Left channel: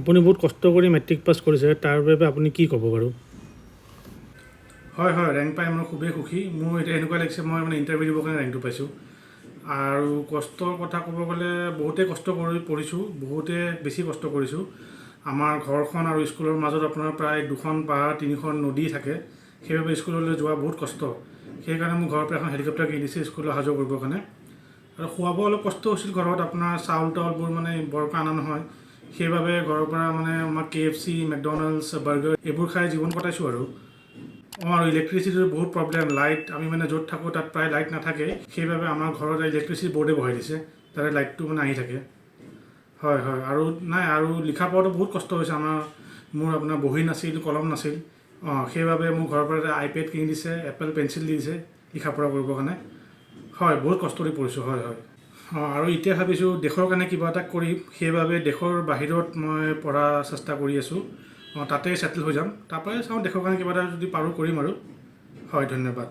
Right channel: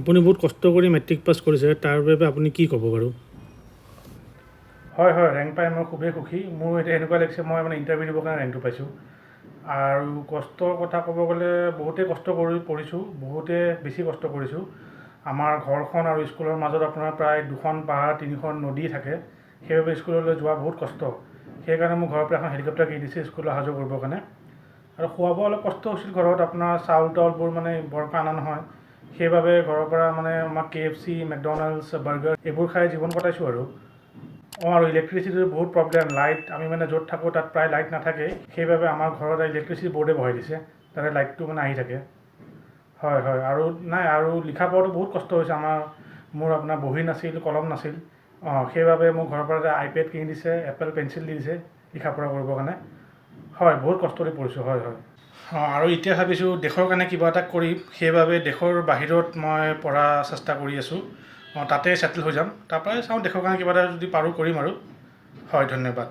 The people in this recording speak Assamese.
আপুনি বহুত কষ্ট কৰি মেট্ৰিক পাছ কৰিছে, তাৰ বাবে আপুনি কি ক'ব বাৰু? হয়, ৰেংক পাই মই খুবেই সুখী। মোৰ এতিয়া এনেকুৱা লাগিছে মই মানে ইণ্টাৰভিউ দিবৰ কাৰণে ৰেংকটো পাইছোঁ। আৰু কষ্টৰ কথা ক'ব গ'লে বহুতেই কষ্ট পঢ়িছোঁ, বহুতে বেছি কষ্ট কৰিছোঁ। আমাৰ ঘৰখন আৰু স্কুলৰ মাজত আপোনাৰ প্ৰায় 2খন পাহাৰ 3খন নদী থাকে, সেইবাবে স্কুললৈ যোৱা বহুত কষ্ট। সেইকাৰণে মোৰ ঘৰৰ পৰা এখন হেলিকপ্টাৰ কিনি দিছে স্কুললৈ অহা যোৱা কৰিবৰ কাৰণে। আৰু খোৱা বোৱা অলপ কষ্ট হৈছিল ঘৰত, আপোনাৰ চাউল তাউলবোৰ মানে বৰকৈ অনা নহয়, সেইবাবে ঘৰৰ পৰা মানে আমাক KFC, মেকডনাল্ডছ, বাৰ্গাৰ এইবোৰ খাই জীৱন কটাইছোঁ আৰু আৰু ইলেক্ট্ৰিচিটিৰ বহুত প্ৰব্লেম। লাইট আমি মানে য'ত থাকোঁ তাত প্ৰায় লাইট নাথাকে, সেইবাবে আমাৰ ঘৰত ইলেক্ট্ৰিচিটি বৰ্ডে বহাই দিছে, তাতে লাইটটো মানে আহি থাকে। হয় আৰু আৰু লিখা পঢ়াটো বহুত কষ্ট হৈছে মোৰ আপোনাৰ বহী নাছিল, কলম নাছিল। সেইবাবে মোৰ ঘৰৰ পৰা এটা iPad কিনি দিছে, এপল পেঞ্চিল দি দিছে লিখা পঢ়া কৰিবৰ কাৰণে। হয়, বহুত কষ্ট কৰি পঢ়িছোঁ। হয় আৰু এতিয়া ভাবিছোঁ দেশৰ কাৰণে কিবা এটা কৰিম, সেইবাবে দেশৰ বাহিৰত মই পঢ়া চেষ্টা কৰি আছোঁ। তাতে ছেটেল হৈ যাম, তাৰপৰাই চাওঁ দেশৰ কাৰণে কিবা এটা যদি পাৰোঁ কৰিম আৰু। হয়, ধন্যবাদ।